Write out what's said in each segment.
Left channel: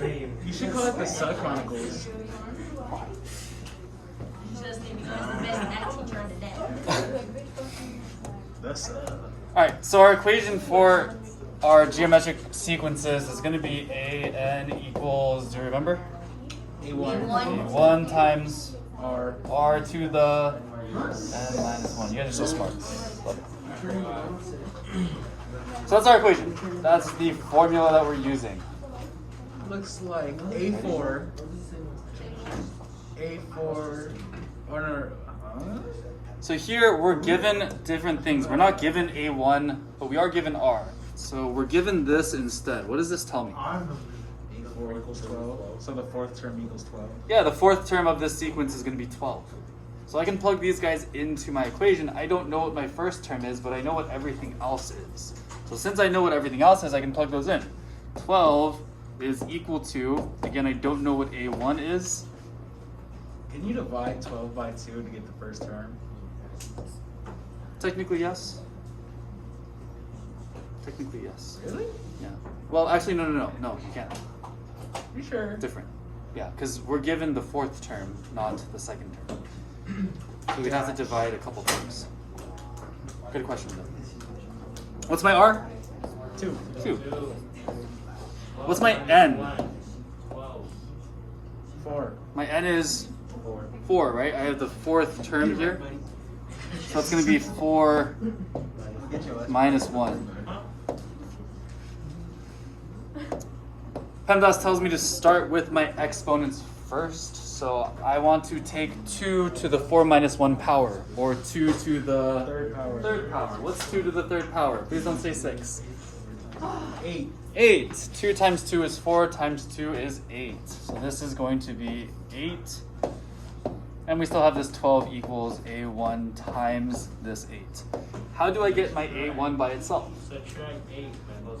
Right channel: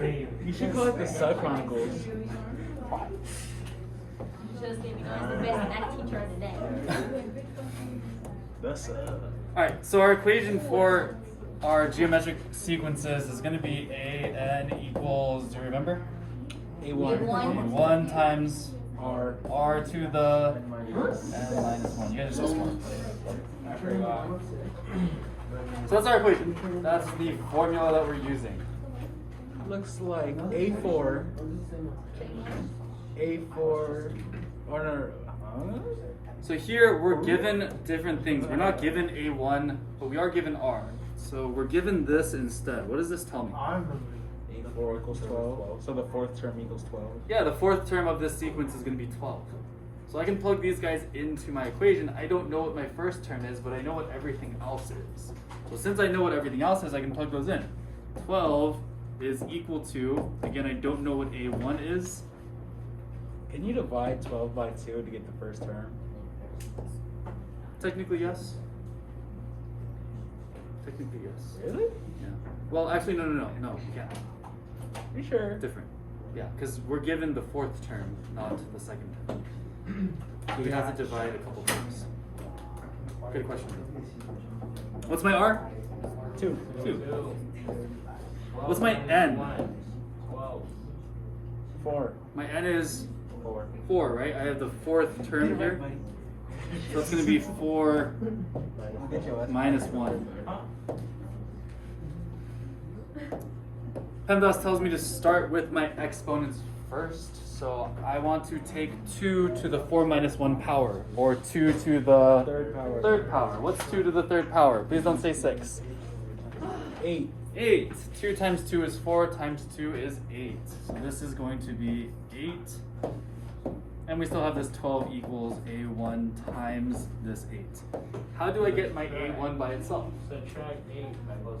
You should call it the Suck Chronicles. Just think I was the best math teacher of the day. That's Alright, so our equation for our geometric sequences is going to be an equals, do you remember? A1. A1 times R. r to the n minus 1. You guys are so smart. So that's our equation. That's the formula that we're using. Looks like A4. A4. Or no. Huh? So here we're given different things. We're not given A1, but we are given R. So we're given this instead. What does this tell me? A4 equals 12. So the fourth term equals 12. Yeah, the fourth term of this sequence is going to be 12. So I can plug these guys into my equation. I don't know what my first term is, but I know what everything else is. So since I know what everything else is, I can plug those in. 12 is equal to, again, I don't know what A1 is. Can you divide 12 by 2 to get the first term? Technically, yes. Technically, yes. Really? Yeah. Well, actually, no, you can't. You sure? Different. Yeah, because we're given the fourth term, not the second term. So we have to divide a couple terms. Good question. What's my R? 2. 2. What's my N? 4. My N is 4, right? I have the fourth term here. So it's going to be 4 minus 1. PEMDAS tells me to start with my exponents first. So I want to take 2 to the 4 minus 1 power, or 2 to the Third power. third power. What's 2 to the third power? Please don't say 6. 8. 8. 2 times 2 is 4, times 2 is 8. So this is going to be 8. And we still have this 12 equals A1 times this 8. How do I get my A1 by itself?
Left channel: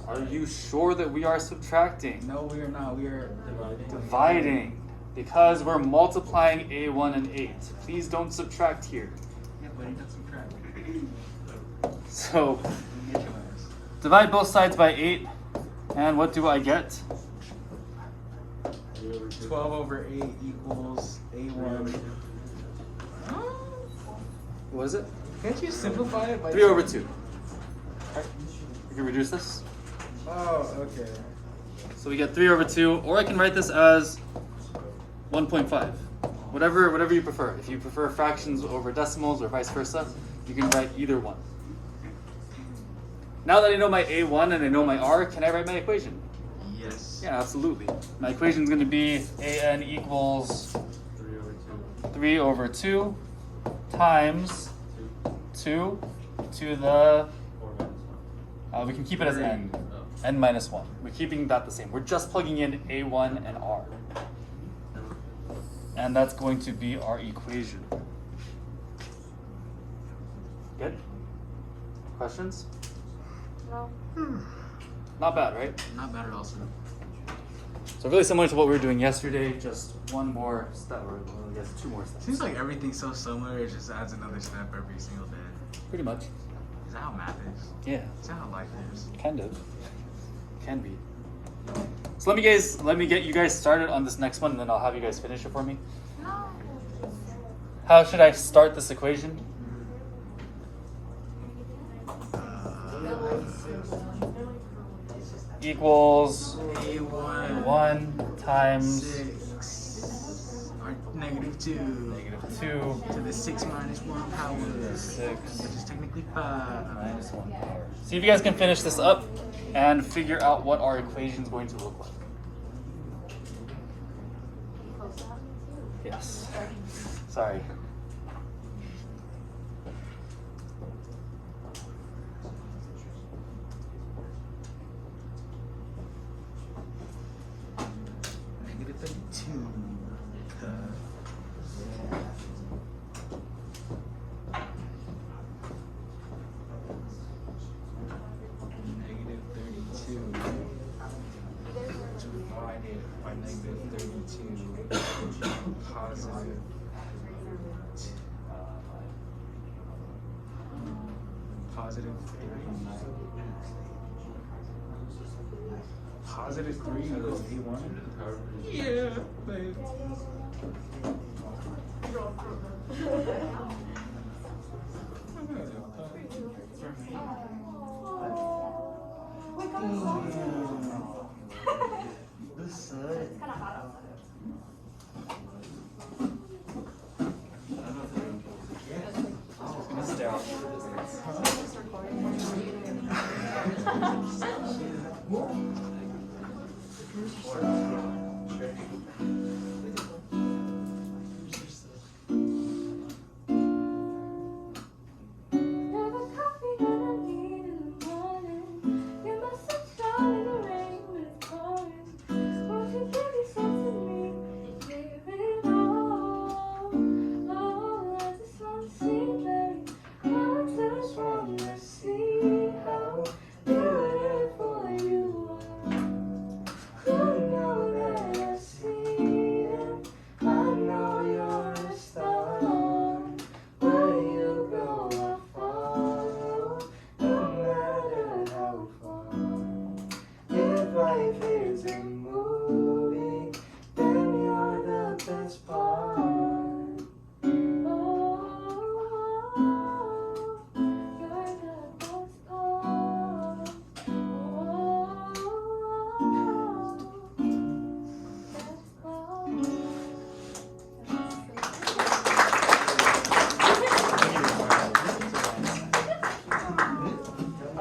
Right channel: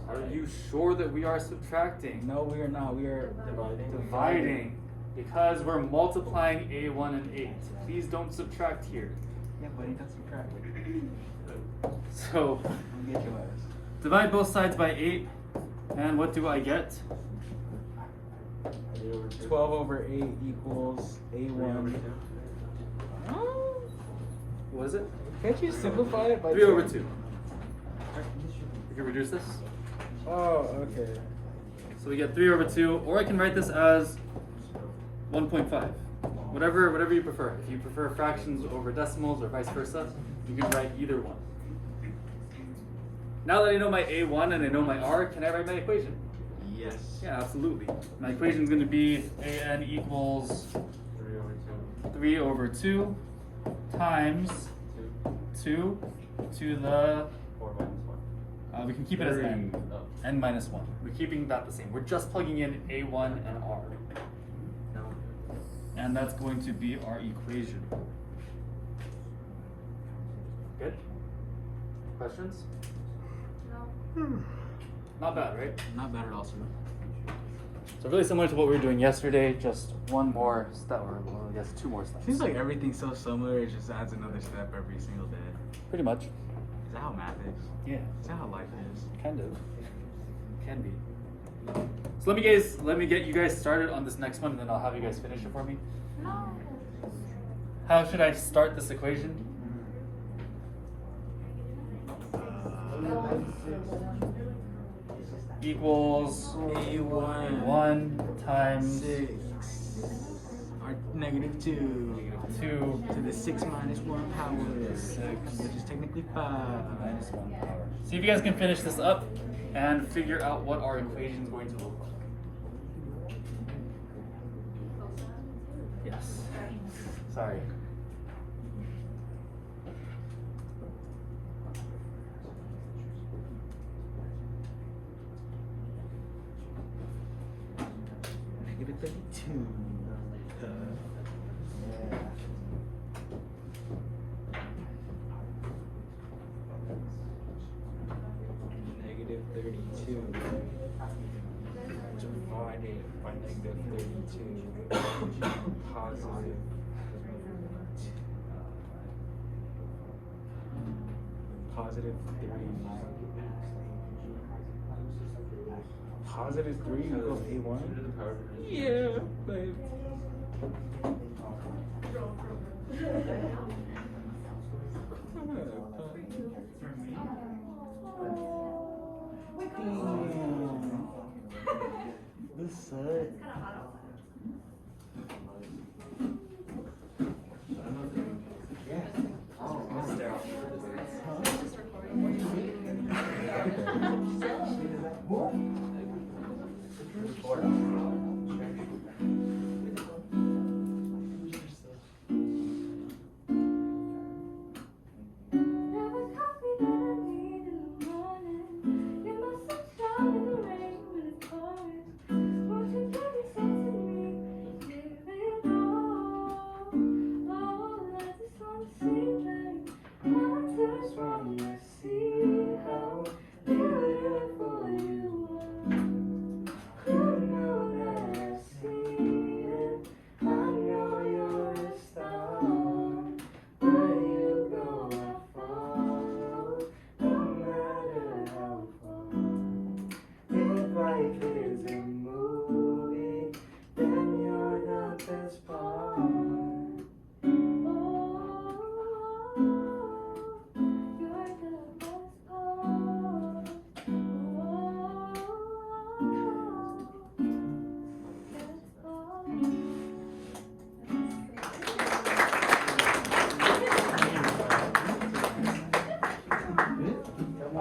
Are you sure that we are subtracting? No, we are not. We are Dividing. Because we're multiplying A1 and 8. Please don't subtract here. Yeah, buddy, that's subtract. So We'll get your ass. divide both sides by 8. And what do I get? 12 over 8 equals A1. What is it? Can't you simplify it by 3 over 2. You can reduce this. Oh, okay. So we get 3 over 2, or I can write this as 1.5. Whatever you prefer. If you prefer fractions over decimals or vice versa, you can write either one. Now that I know my A1 and I know my R, can I write my equation? Yes. Yeah, absolutely. My equation is going to be AN equals 3 over 2 times 2 to the, we can keep it as n minus 1. We're keeping that the same. We're just plugging in A1 and R. And that's going to be our equation. Good? Questions? No. Not bad, right? Not bad at all, sir. So really similar to what we were doing yesterday, just one more step. Well, I guess 2 more steps. Seems like everything's so similar, it just adds another step every single day. Pretty much. Is that how math is? Yeah. Is that how life is? Kind of. Can be. So let me get you guys started on this next one, and then I'll have you guys finish it for me. No. How should I start this equation? Equals A1. 1 times 6. Or negative 2. -2 To the 6 minus 1 power. 6 Which is technically 5. minus 1 power. See if you guys can finish this up and figure out what our equation is going to look like. Yes. Sorry. Negative 32. Negative 32. Divided by negative 32. Positive. Positive 3. Positive 3 equals A1? Babe. Damn. This sucks.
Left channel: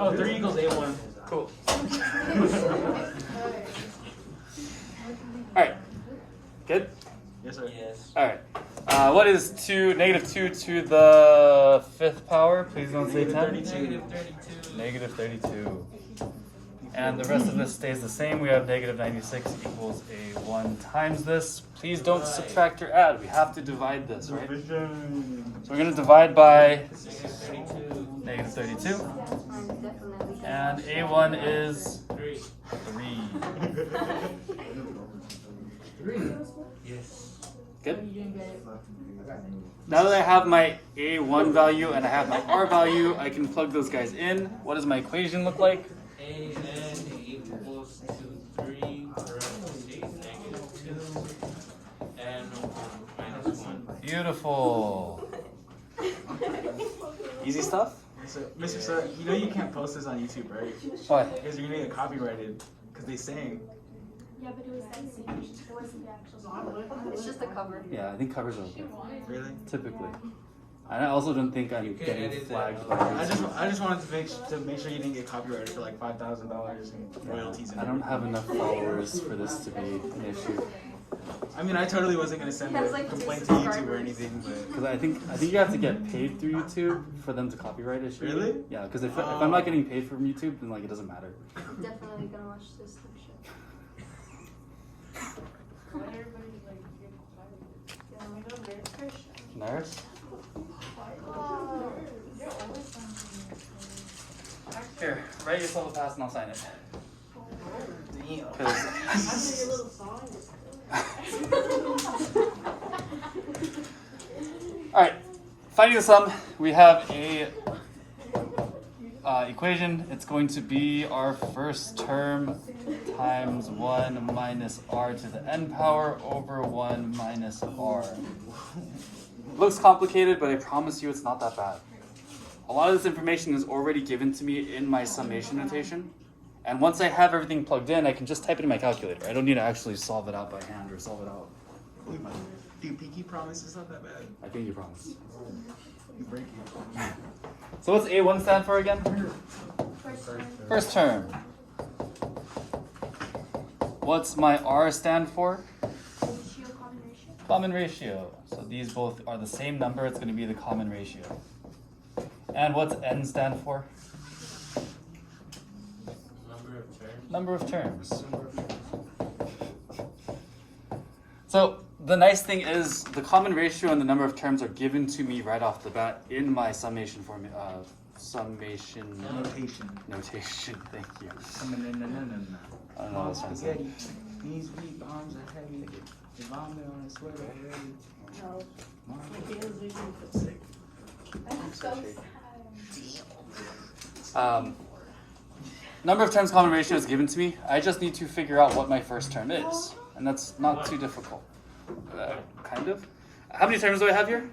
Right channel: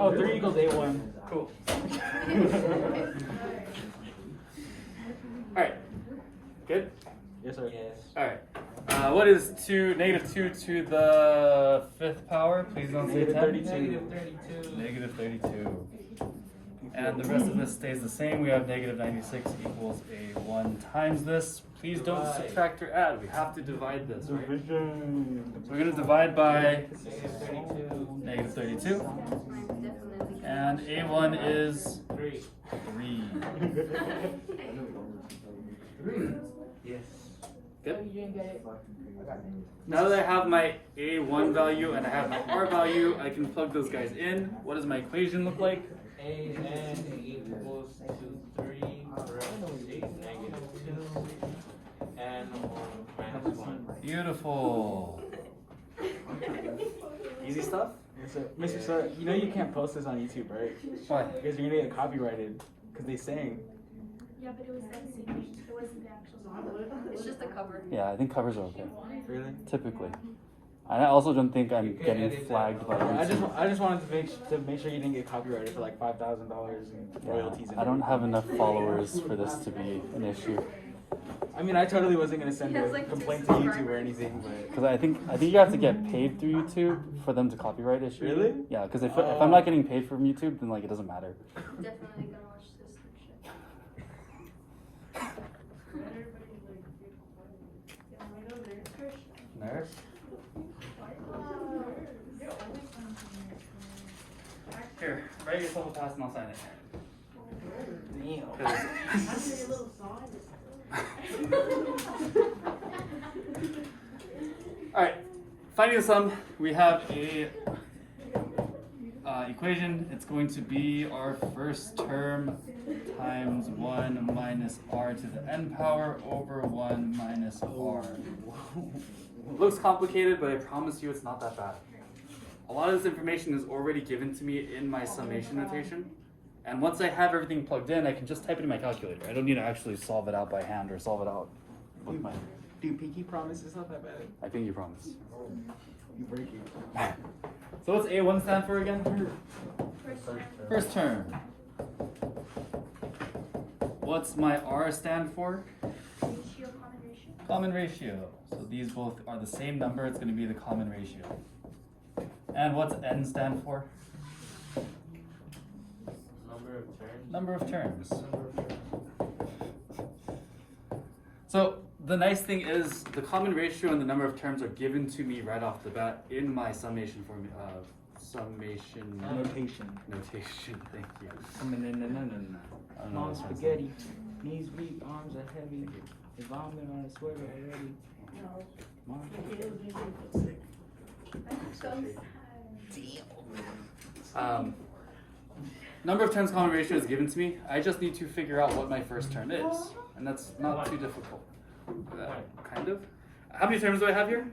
Oh, 3 equals A1. Cool. Alright. Good? Yes, sir. Yes. Alright. What is negative 2 to the 5th power? Please don't say 10. -32. Negative 32. And the rest of this stays the same. We have negative 96 equals A1 times this. Please don't subtract or add. We have to divide this, right? So we're going to divide by negative 32. And A1 is 3. Yes. Good? Now that I have my A1 value and I have my R value, I can plug those guys in. What does my equation look like? AN equals to 3 parentheses -2 and 1 minus 1. Beautiful. Easy stuff? So, Mr. Sir, you know you can't post this on YouTube, right? Why? Because you're gonna get copyrighted. Because they sang. Yeah, but it was that same. It wasn't the actual song. It's just the cover. Yeah, I think covers are okay. Really? Typically. And I also don't think I'm getting flagged by YouTube. I just wanted to make sure you didn't get copyrighted for like $5,000 in royalties. And I don't have enough followers for this to be an issue. I mean, I totally wasn't gonna send He has, a like, complaint to two YouTube or subscribers. anything, but Because I think you have to get paid through YouTube for them to copyright issue. Really? Yeah, because if I'm not getting paid from YouTube, then like it doesn't matter. Definitely gonna watch this section. Nurse? Here, write yourself a pass and I'll sign it. Alright, finding the sum, we have a equation. It's going to be our first term times 1 minus r to the n power over 1 minus r. Looks complicated, but I promise you it's not that bad. A lot of this information is already given to me in my summation notation. And once I have everything plugged in, I can just type it in my calculator. I don't need to actually solve it out by hand or solve it out. Dude, Pinky promise it's not that bad. I think you promise. You break it. So what's A1 stand for again? First term. What's my R stand for? Ratio, common ratio. Common ratio. So these both are the same number. It's going to be the common ratio. And what's N stand for? Number of terms. So the nice thing is the common ratio and the number of terms are given to me right off the bat in my summation Notation. notation. Thank you. Coming in, no. I don't know Mom what that spaghetti. Knees weak, arms are heavy. The vomit on a sweater already. Mom. Number of terms common ratio is given to me. I just need to figure out what my first term is. and that's not too difficult. Kind of. How many terms do I have here?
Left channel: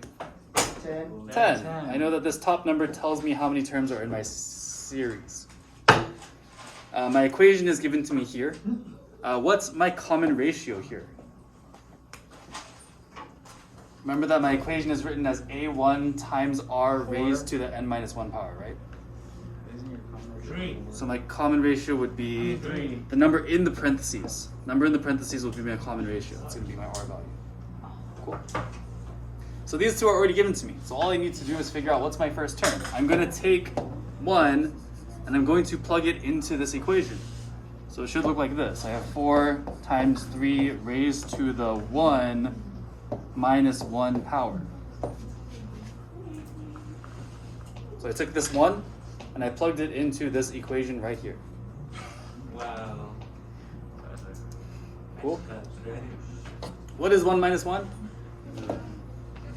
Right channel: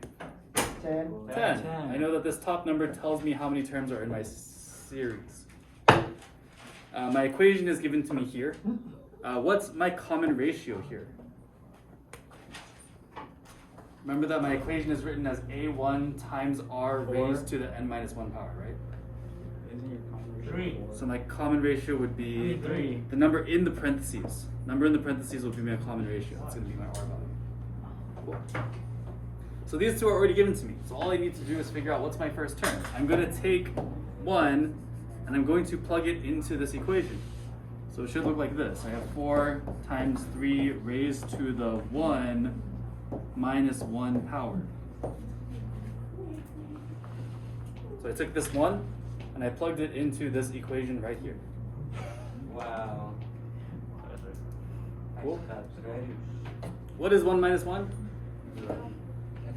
10. 10. I know that this top number tells me how many terms are in my series. My equation is given to me here. What's my common ratio here? Remember that my equation is written as a1 times r raised to the n minus 1 power, right? Isn't your common ratio 3. 4? So my common ratio would be 3. the number in the parentheses. Number in the parentheses would be my common ratio. It's going to be my r value. Cool. So these two are already given to me. So all I need to do is figure out what's my first term. I'm going to take 1 and I'm going to plug it into this equation. So it should look like this. I have 4 times 3 raised to the 1 minus 1 power. So I took this 1 and I plugged it into this equation right here. Wow. Cool. That's very. What is 1 minus 1?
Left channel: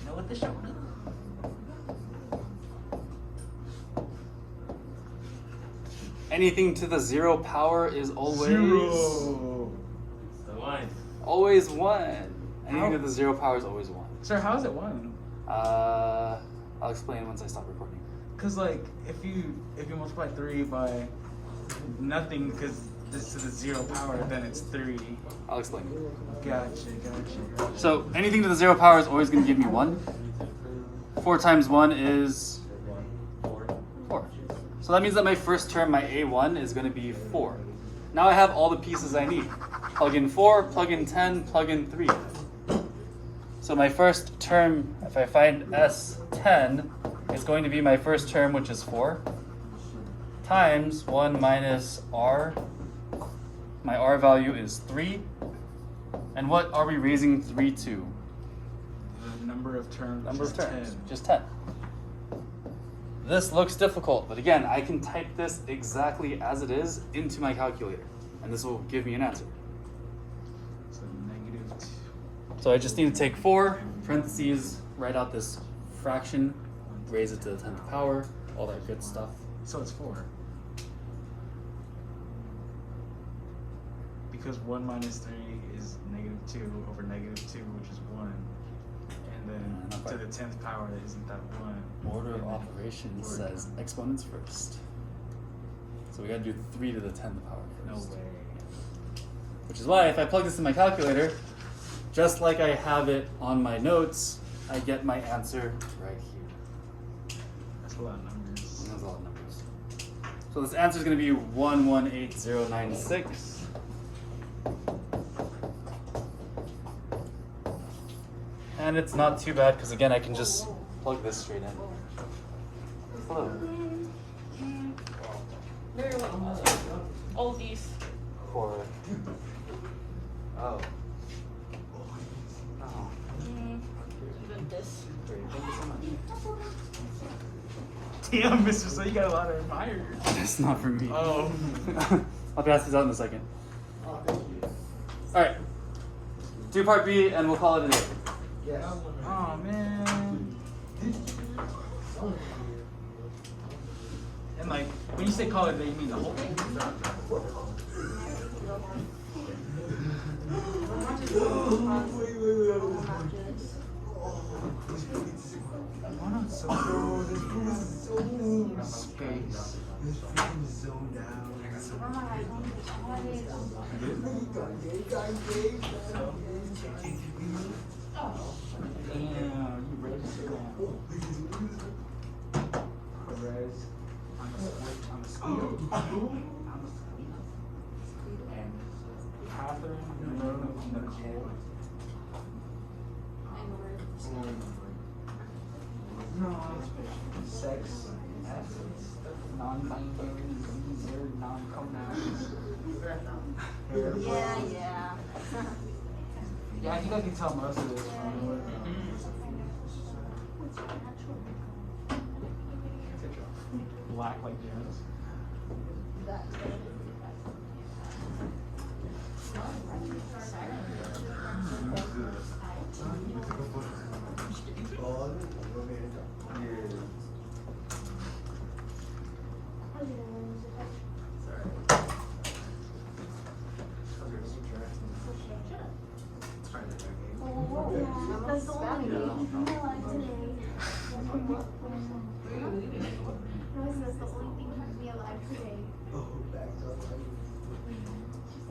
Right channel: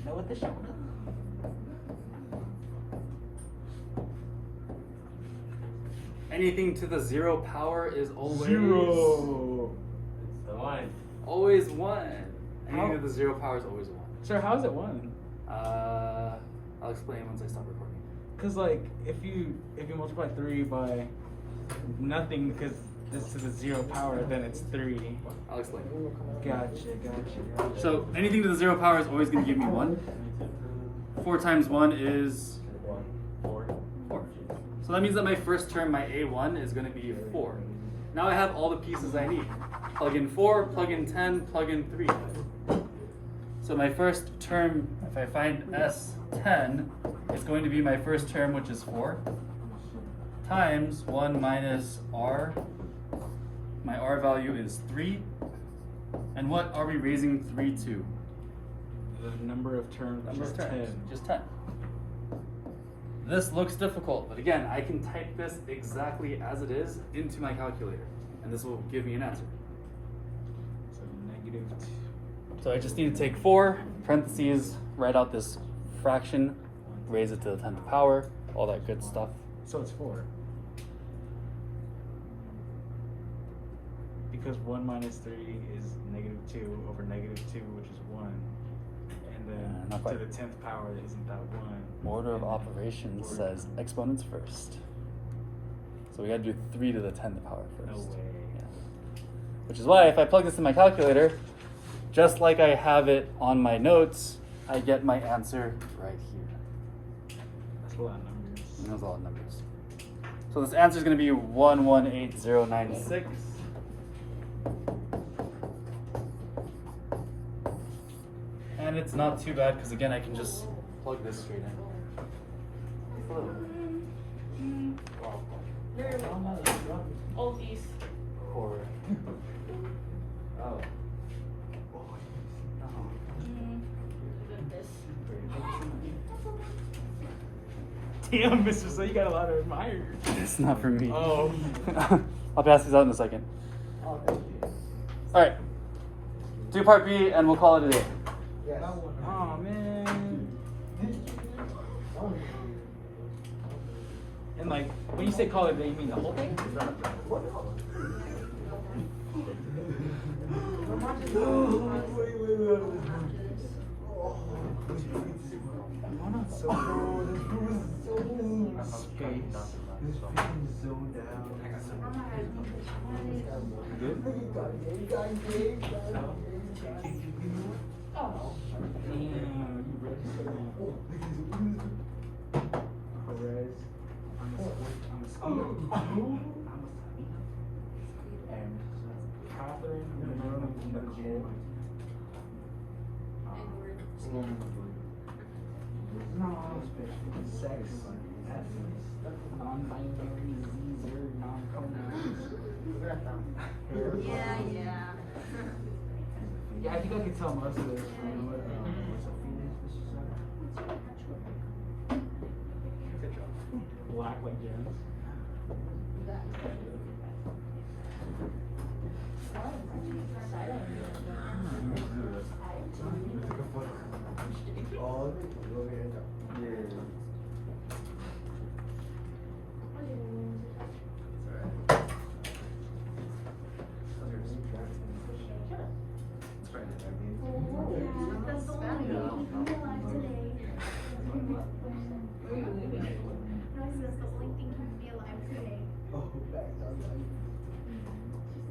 Know what the show is? Anything to the 0 power is always 0. 1. Always 1. Anything How? to the 0 power is always 1. Sir, how is it 1? I'll explain once I stop recording. Cause like if you multiply 3 by nothing, cause this to the 0 power, then it's 3. I'll explain. Gotcha. So anything to the 0 power is always going to give me 1. 4 times 1 is 4. So that means that my first term, my a1, is going to be 4. Now I have all the pieces I need. Plug in 4, plug in 10, plug in 3. So my first term, if I find S10, is going to be my first term, which is 4, times 1 minus r. My r value is 3. And what are we raising 3 to? The number of terms Number is of terms, 10. just 10. This looks difficult, but again, I can type this exactly as it is into my calculator, and this will give me an answer. So negative 2. So I just need to take 4, parentheses, write out this fraction, raise it to the 10th power, all that good stuff. So it's 4. Because 1 minus 3 is negative 2 over negative 2, which is 1. And then Not to quite. the 10th power, isn't that 1? Order of And then operations order. says exponents first. So we gotta do 3 to the 10th power first. No way. Which is why if I plug this in my calculator, just like I have it on my notes, I get my answer right here. That's a lot of numbers. And that's all the numbers. So this answer is going to be 118096. And it's not too bad because again I can just plug this straight in. Just a little bit. Oldies. Horror. Oh. Damn, Mr. So you got a lot of admirers. That's not for me. Oh. I'll pass these out in a second. Alright. Do part B and we'll call it a day. Oh man. And like, when you say call it a day, you mean the whole thing? Why not so space? Good? Damn, you ready to sit down? Perez, I'm a sweet. And Catherine, Nicole. Sex, essence, non-binary, Zer, non-pronouns. Hair, brown. Yeah. Yeah, I think I can tell most of this from black like Jones. That's the only thing that keeps me alive today. No, I said that's the only thing keeping me alive today.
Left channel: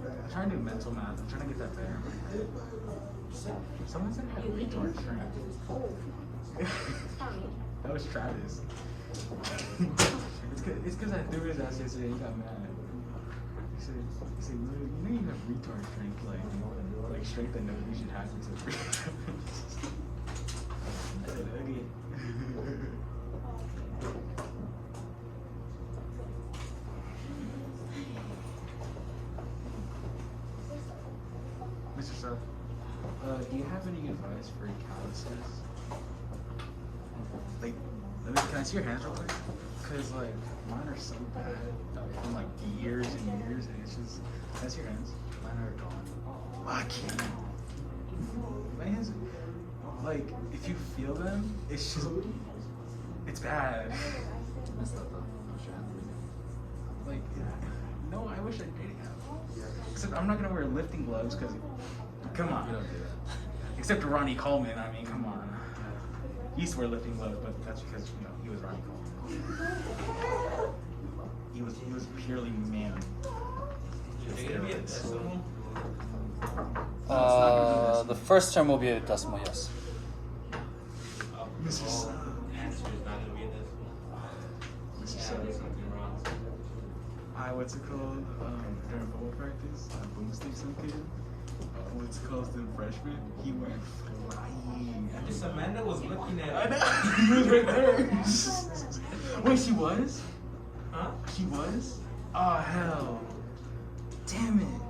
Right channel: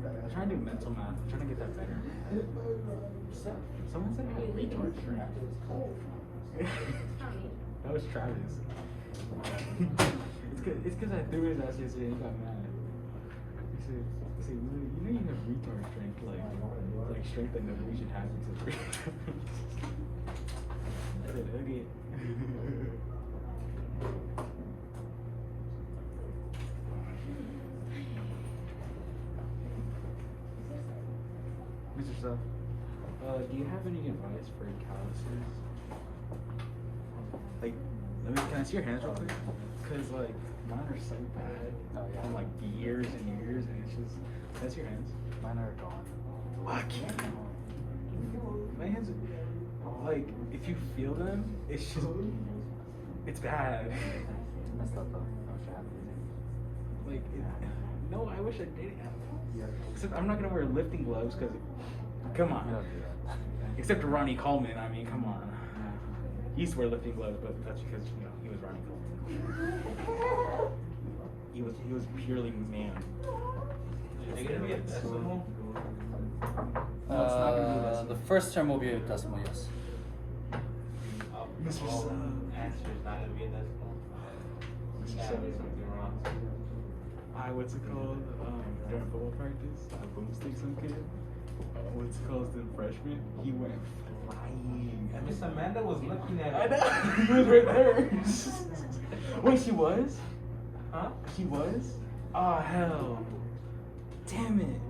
I'm trying to do mental math. I'm trying to get that better in my head. Someone said I had retard strength. That was Travis. It's because I threw his ass yesterday and he got mad. He said, you know you have retard strength, like strength that nobody should have except for I said, okay. Mr. Seth, do you have any advice for calluses? Like, can I see your hands real quick? Cause like mine are so bad from like years and years, and it's just. Can I see your hands? Mine are gone. Lucky. My hands, like, if you feel them, it's just, it's bad. Like, no, I wish I did have. Except I'm not gonna wear lifting gloves because, come on. You don't do that. Except Ronnie Coleman, I mean, come on. He used to wear lifting gloves, but that's because, he was Ronnie Coleman. He was purely man. Steroids. The first term will be a decimal, yes. Mr. Sub. Answer is not gonna be a decimal. Mr. Sub. What's it called? During football practice, I boomstick some kid. What's it called? The freshman. He went flying. Miss Amanda was looking at I it. know. He was right there. Wait, she was? Huh? He was? Oh hell. Damn it.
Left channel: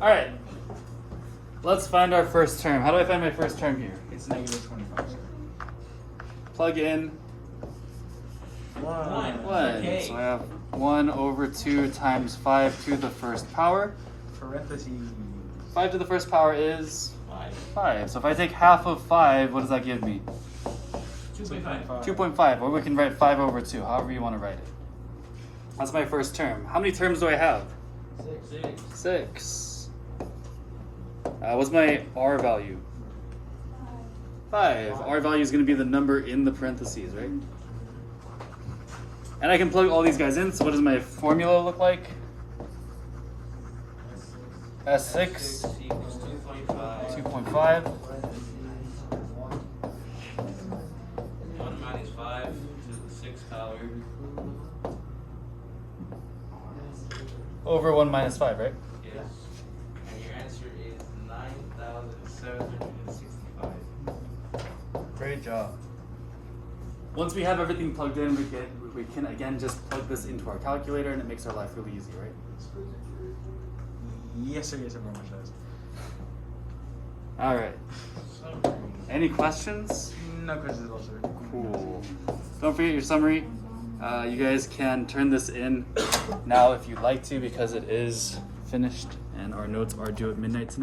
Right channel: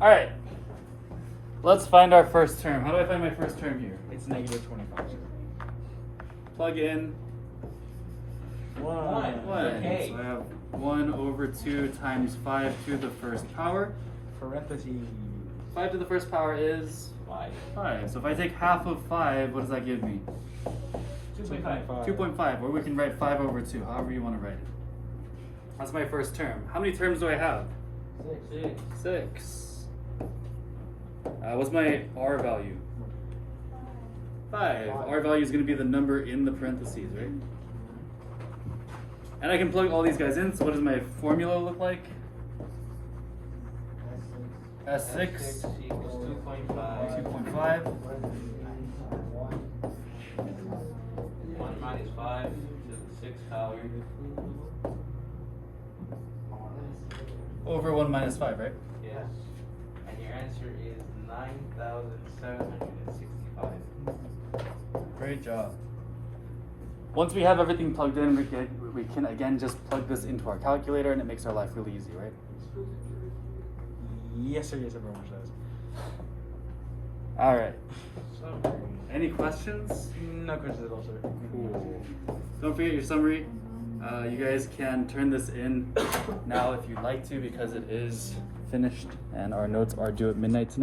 Alright. Let's find our first term. How do I find my first term here? It's negative 25, sir. Plug in One. 1. Okay. So I have 1 over 2 times 5 to the first power. Parentheses. 5 to the first power is 5. 5. So if I take half of 5, what does that give me? 2.5. 2.5. Or we can write 5 over 2, however you want to write it. That's my first term. How many terms do I have? 6. 6. What's my R value? 5. R value is going to be the number in the parentheses, right? And I can plug all these guys in, so what does my formula look like? S6 equals 2.5. 2.5 1 minus 5 to the 6th power. over 1 minus 5, right? Yes. And your answer is 9,765. Great job. Once we have everything plugged in, we can again just plug this into our calculator, and it makes our life really easy, right? Yes, sir. Yes, sir. Very much does. All right. Any questions? No questions at all, sir. Cool. Don't forget your summary. You guys can turn this in now if you'd like to, because it is finished and our notes are due at midnight tonight.